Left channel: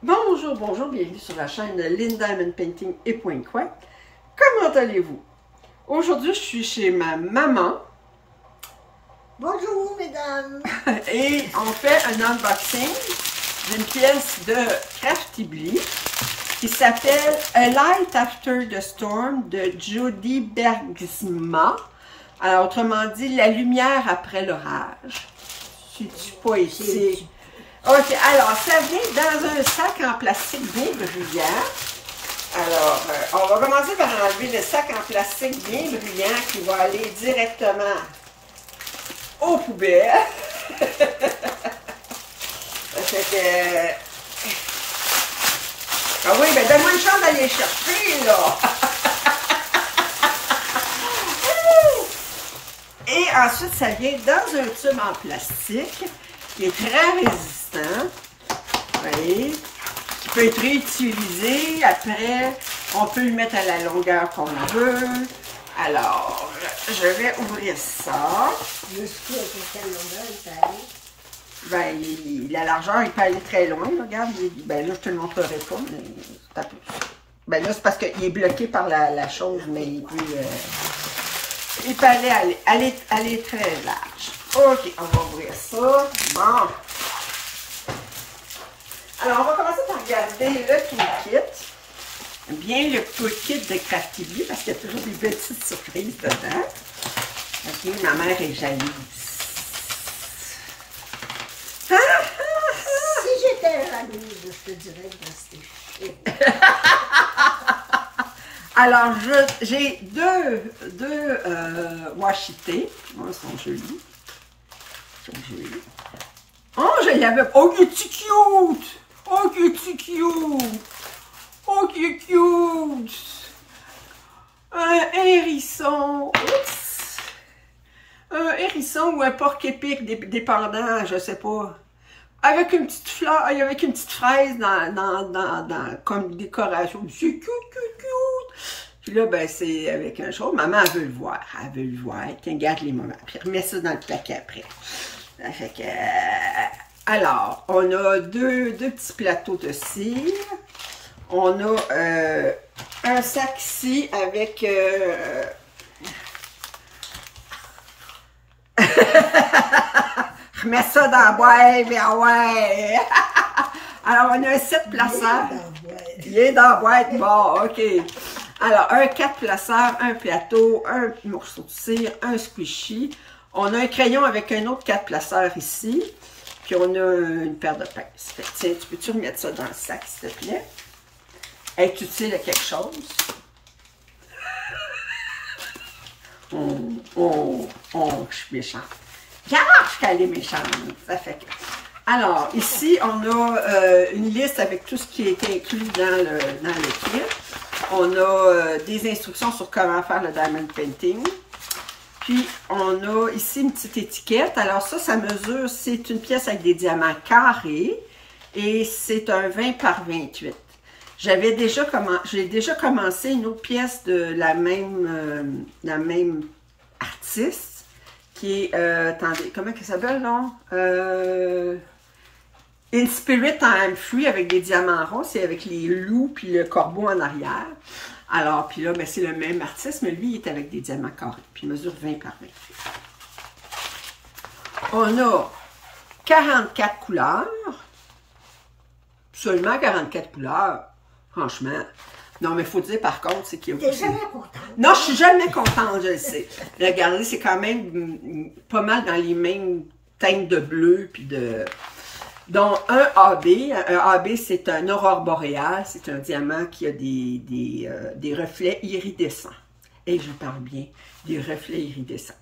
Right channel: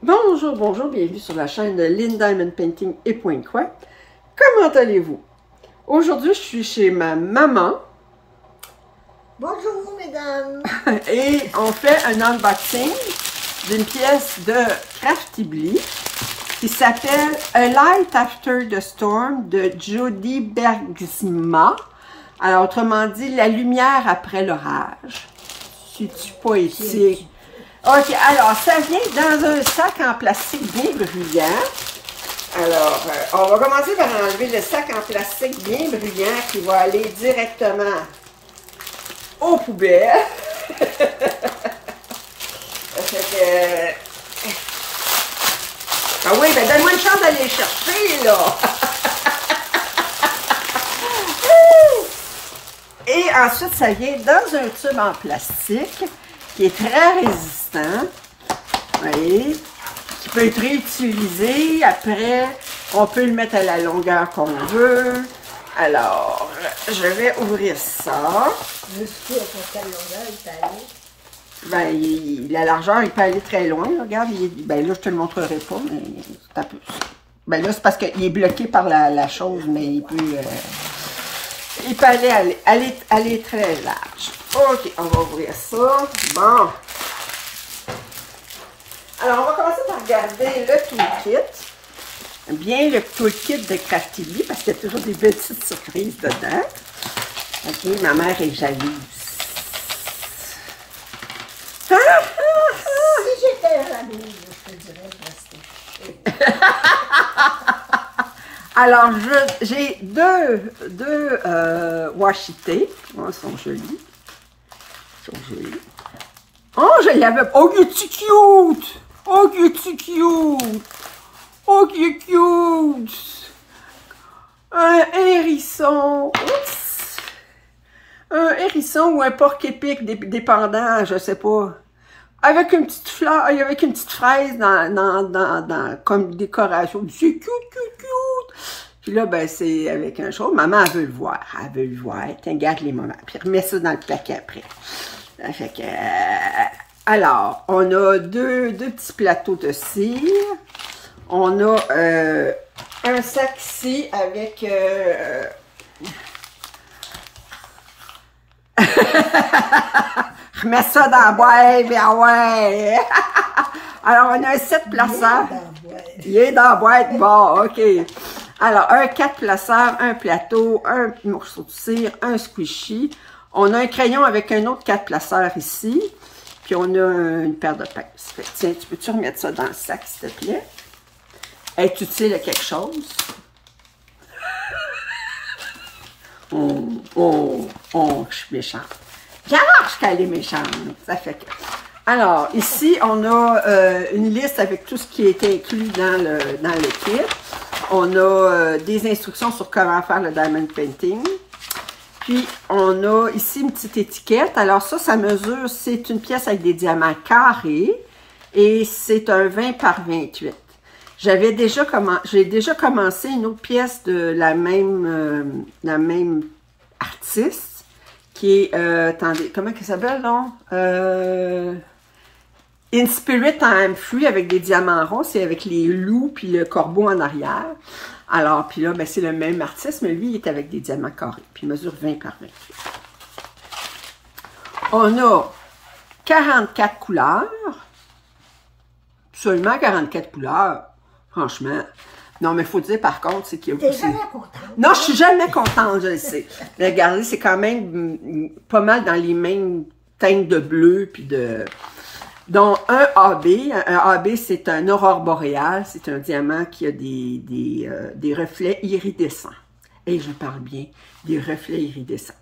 Bonjour, bonjour, bienvenue sur la chaîne de Lynn Diamond Painting et Point Quoi. Comment allez-vous? Aujourd'hui, je suis chez ma maman. Bonjour, mesdames! Et on fait un unboxing d'une pièce de Craftibly qui s'appelle A Light After the Storm de Jody Bergsma. Alors, autrement dit, la lumière après l'orage. C'est-tu poétique? Ok, alors, ça vient dans un sac en plastique bien bruyant. Alors, on va commencer par enlever le sac en plastique bien bruyant qui va aller directement aux poubelles. Fait que... Ah oui, ben donne-moi une chance d'aller chercher, là! Et ensuite, ça vient dans un tube en plastique qui est très résistant. Vous voyez? Qui peut être réutilisé. Après, on peut le mettre à la longueur qu'on veut. Alors, je vais ouvrir ça. Jusqu'où, à quelle longueur il peut aller? Ben, la largeur, il peut aller très loin. Là. Regarde, ben là, je te le montrerai pas, mais t'as plus. Ben là, c'est parce qu'il est bloqué par la chose, mais il peut aller très large. Ok, on va ouvrir ça. Bon. Alors, on va commencer par regarder le toolkit. Bien le toolkit de Craftibly, parce qu'il y a toujours des petites surprises dedans. Ok, ma mère est jalouse. Si j'étais jalouse, je te dirais de rester. Alors, j'ai deux washi tape. Oh, ils sont jolis. Oh, je l'avais. Oh, il est cute! Oh, il est cute! Oh, il est cute! Un hérisson. Oups! Un hérisson ou un porc-épic, dépendant, je sais pas. Avec une petite fleur, avec une petite fraise comme décoration. C'est cute, cute, cute! Puis là, ben, c'est avec un chose. Maman, elle veut le voir. Elle veut le voir. Tiens, garde les moments. Puis remets ça dans le plaquet après. Ça fait que... alors, on a deux petits plateaux de cire. On a un sac ici avec... Je mets ça dans la boîte, bien ouais! Alors, on a un 7 placeurs. Il est dans la boîte. Bon, OK. Alors, un 4 placeurs, un plateau, un morceau de cire, un squishy. On a un crayon avec un autre 4 placeurs ici. Puis on a une paire de pinces. Tiens, tu peux-tu remettre ça dans le sac, s'il te plaît? Est utile à quelque chose? Je suis méchante. J'arrache qu'elle est méchante. Ça fait que... Alors, ici, on a une liste avec tout ce qui est inclus dans le kit. On a des instructions sur comment faire le diamond painting. Puis, on a ici une petite étiquette. Alors ça mesure, c'est une pièce avec des diamants carrés. Et c'est un 20 par 28. J'ai déjà commencé une autre pièce de la même artiste. Qui est, attendez, comment elle s'appelle, non? In Spirit I'm Free avec des diamants ronds. C'est avec les loups puis le corbeau en arrière. Alors, puis là, ben, c'est le même artiste, mais lui, il est avec des diamants carrés. Puis il mesure 20 par 28. On a 44 couleurs. Seulement 44 couleurs. Franchement. Non, mais il faut dire, par contre, c'est qu'il y a... T'es jamais contente? Non, je suis jamais contente, je le sais. Regardez, c'est quand même pas mal dans les mêmes teintes de bleu, puis de... Donc, un AB. Un AB, c'est un aurore boréale. C'est un diamant qui a des reflets iridescents. Et je parle bien, des reflets iridescents.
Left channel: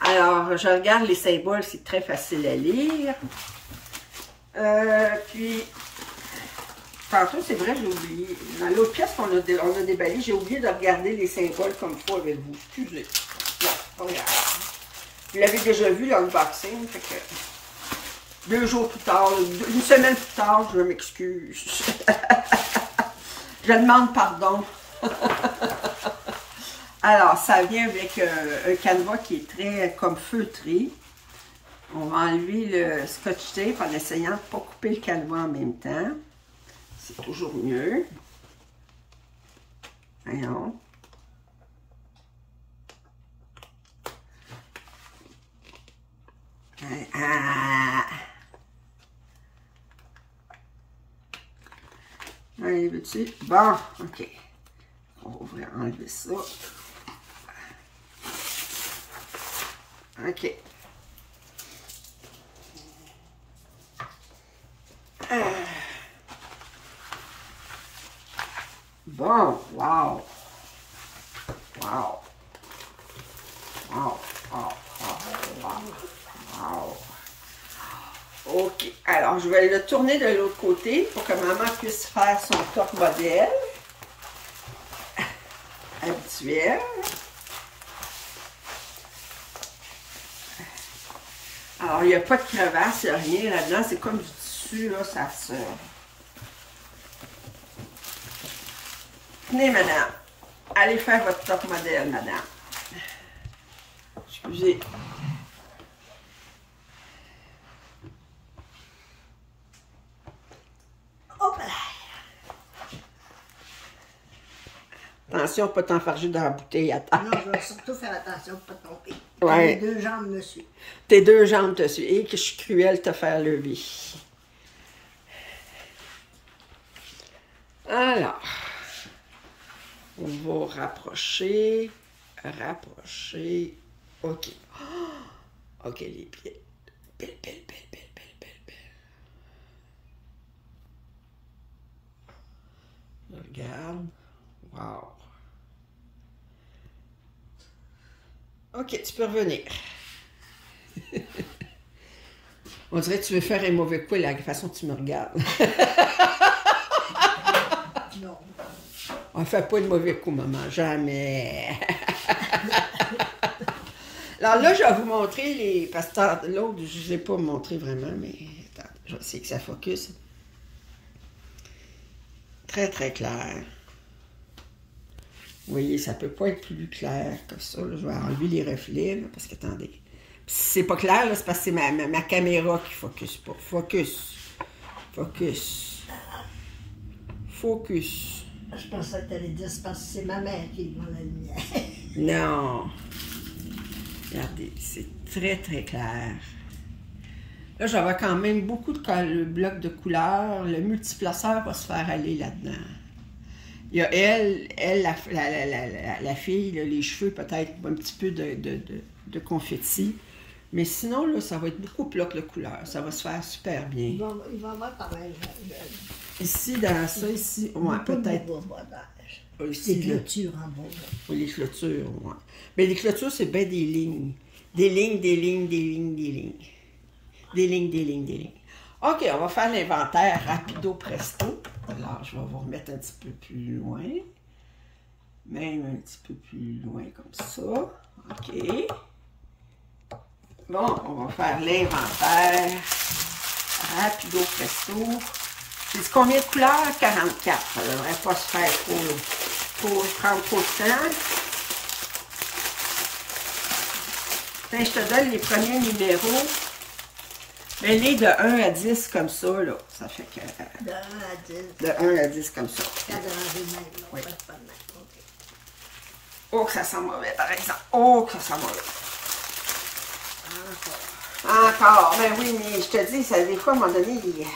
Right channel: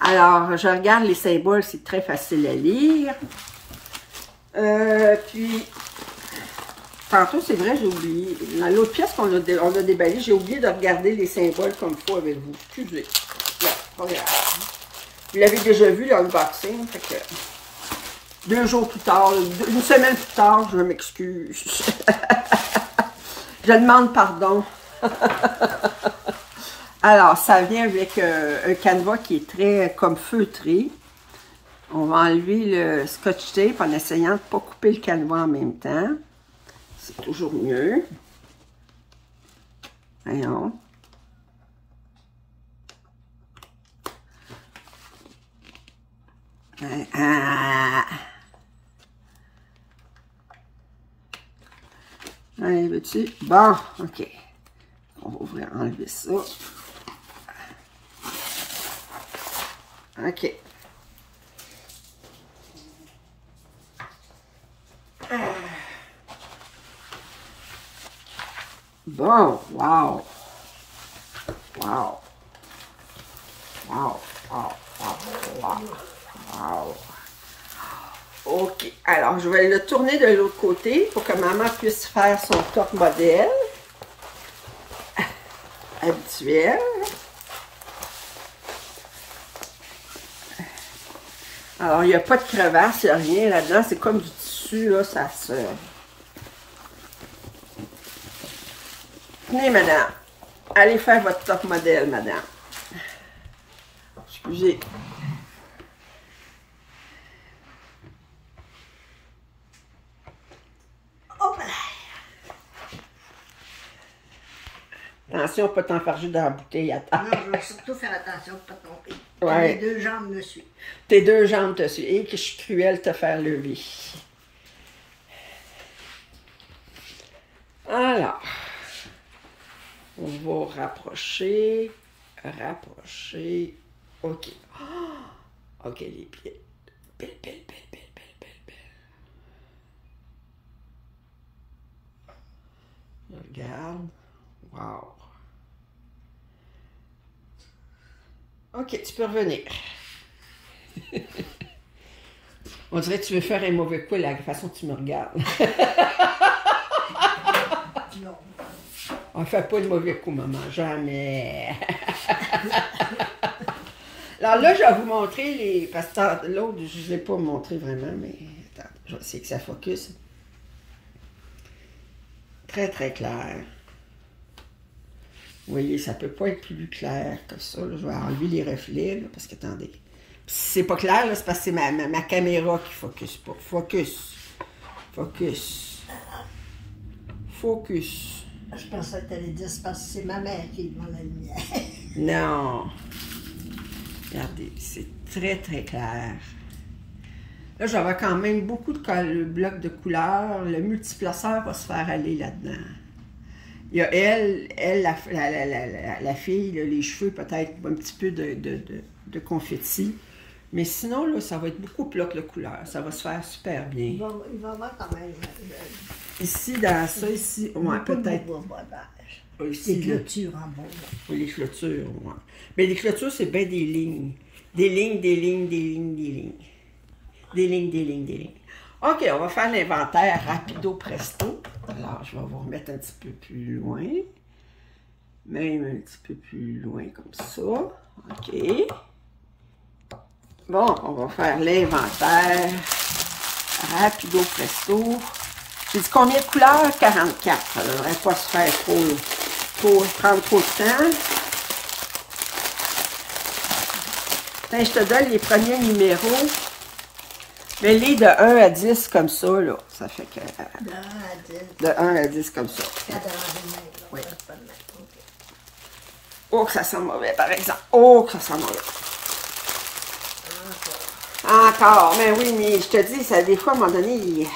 Alors, je regarde les symboles, c'est très facile à lire. Puis... Tantôt, c'est vrai, j'ai oublié. Dans l'autre pièce qu'on a déballée, j'ai oublié de regarder les symboles comme il faut avec vous. Excusez. Là, regarde. Vous l'avez déjà vu, l'unboxing. 2 jours plus tard, une semaine plus tard, je m'excuse. Je demande pardon. Alors, ça vient avec un canevas qui est très comme feutré. On va enlever le scotch tape en essayant de ne pas couper le canevas en même temps. C'est toujours mieux. Voyons. Allez, veux-tu? Bon, OK. On va ouvrir, enlever ça. OK. Bon, wow. Wow. Wow, wow, wow, wow. OK. Alors, je vais le tourner de l'autre côté pour que maman puisse faire son top modèle habituel. Alors, il n'y a pas de crevasse, il n'y a rien là-dedans. C'est comme du tissu, là, ça se... Tenez, madame. Allez faire votre top modèle, madame. Excusez. Hop là! Attention, pas t'enfarger dans la bouteille à terre. Non, je vais surtout faire attention de ne pas tomber. Ouais. Les deux jambes me suivent. Tes deux jambes te suivent. Et que je suis cruelle de te faire lever. Alors, on va rapprocher. Rapprocher. OK. Oh, OK, les pieds. Belle, belle, belle, belle, belle, belle, belle. Regarde. Wow. OK, tu peux revenir. On dirait que tu veux faire un mauvais coup, la façon dont tu me regardes. Non. On ne fait pas de mauvais coup, maman. Jamais. Alors là, je vais vous montrer les... Parce que l'autre, je ne l'ai pas montré vraiment, mais... Attends, je vais essayer que ça focus. Très, très clair. Vous voyez, ça ne peut pas être plus clair que ça. Là. Je vais enlever les reflets, là, parce que, attendez. Puis si c'est pas clair, c'est parce que c'est ma caméra qui focus pas. Focus. Focus. Focus. Je pensais que tu allais dire c'est parce que c'est ma mère qui est devant la lumière. Non. Regardez, c'est très, très clair. Là, j'avais quand même beaucoup de blocs de couleurs. Le multiplaceur va se faire aller là-dedans. Il y a la fille, là, les cheveux, peut-être un petit peu de confetti. Mais sinon, là, ça va être beaucoup de blocs de couleurs. Ça va se faire super bien. Il va avoir quand même... Ici, dans ça, ici, ouais, peut-être. Des clôtures en bois. Oui, les clôtures, ouais. Mais les clôtures, c'est bien des lignes. Des lignes, des lignes, des lignes, des lignes. Des lignes, des lignes, des lignes. OK, on va faire l'inventaire rapido presto. Alors, je vais vous remettre un petit peu plus loin. Même un petit peu plus loin comme ça. OK. Bon, on va faire l'inventaire rapido presto. J'ai dit combien de couleurs? 44. Ça ne devrait pas se faire prendre trop de temps. Quand je te donne les premiers numéros, mais les de 1 à 10 comme ça, là, ça fait que... De 1 à 10. De 1 à 10 comme ça. Cadré même, là, Oui. pas de même. OK. Oh, que ça sent mauvais, par exemple. Oh, que ça sent mauvais. Encore. Ben oui, mais je te dis, ça, des fois, à un moment donné,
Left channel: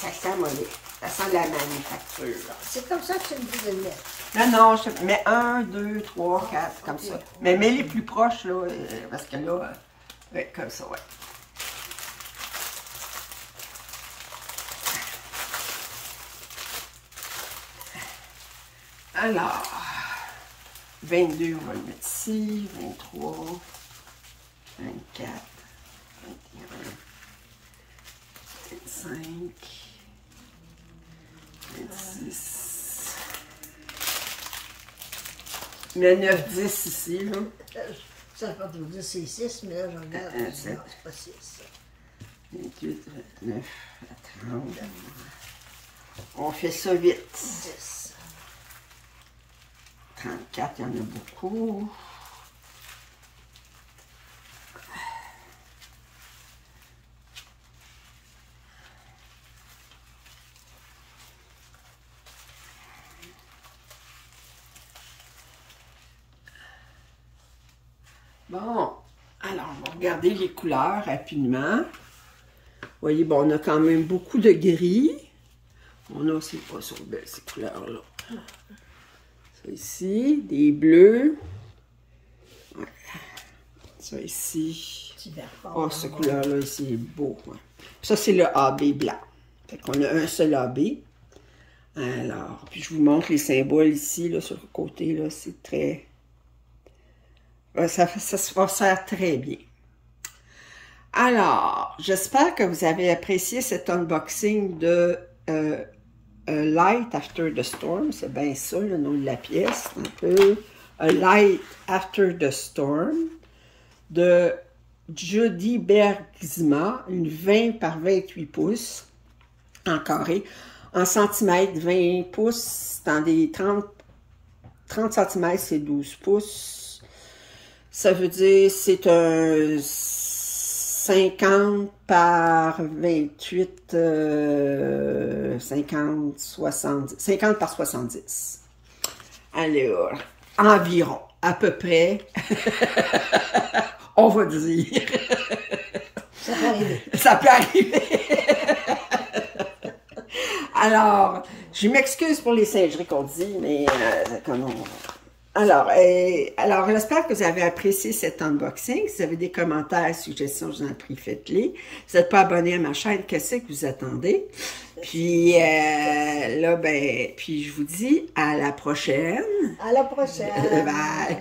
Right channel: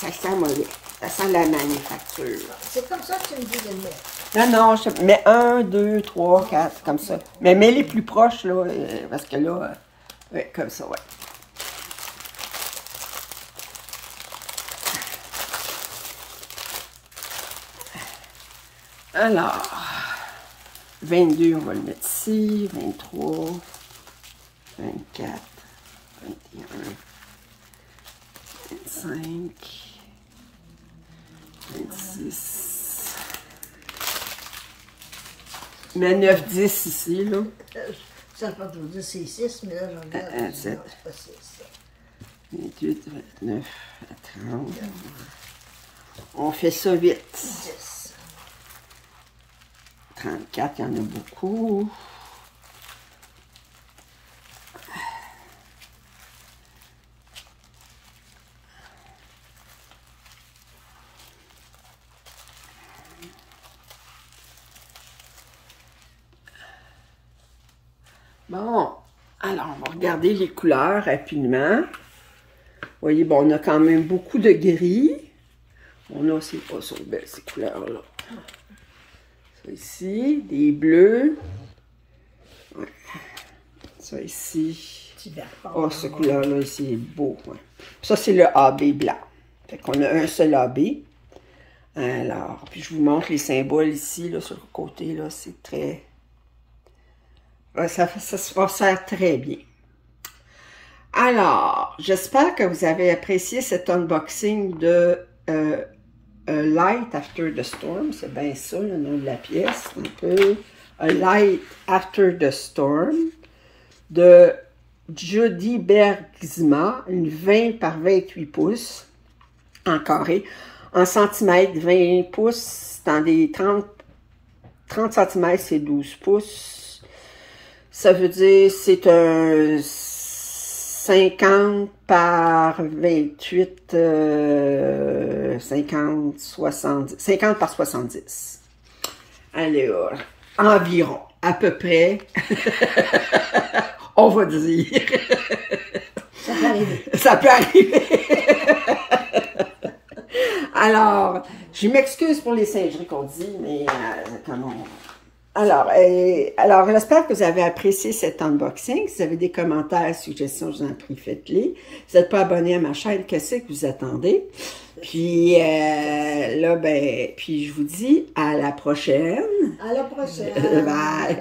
ça sent mauvais. Ça sent la manufacture. C'est comme ça que tu me dis de le mettre. Non, non, je mets 1, 2, 3, 4, comme ça. Mais mets les plus proches, là, parce que là, ouais, comme ça, ouais. Alors, 22, on va le mettre ici, 23, 24, 21, 25, 26. Mais 9, 10 ici, là. Ça ne veut pas tout dire c'est 6, mais là, je regarde. Non, 7. c'est pas 6. 28, 29, 30. On fait ça vite. 10. 34, il y en a beaucoup. Bon, alors on va regarder les couleurs rapidement. Vous voyez, bon, on a quand même beaucoup de gris. On a, c'est pas ça, belle, ces couleurs-là. Ça ici, des bleus. Ouais. Ça ici. Oh, cette couleur-là ici est beau. Ouais. Ça, c'est le AB blanc. Fait qu'on a un seul AB. Alors, puis je vous montre les symboles ici, là, sur le côté, là, c'est très... Ça va faire très bien. Alors, j'espère que vous avez apprécié cet unboxing de A Light After the Storm. C'est bien ça, le nom de la pièce, un peu. A Light After the Storm de Judy Bergsma, une 20 par 28 pouces en carré. En centimètres, 20 pouces, dans des 30 cm, c'est 12 pouces. Ça veut dire c'est un 50 par 28, 50, 70, 50 par 70. Alors, environ, à peu près, on va dire. Ça peut arriver. Ça peut arriver. Alors, je m'excuse pour les singeries qu'on dit, mais comment... Alors, j'espère que vous avez apprécié cet unboxing. Si vous avez des commentaires, suggestions, je vous en prie, faites-les. Si vous n'êtes pas abonné à ma chaîne, qu'est-ce que vous attendez? Puis, là, ben, puis je vous dis à la prochaine. À la prochaine. Bye.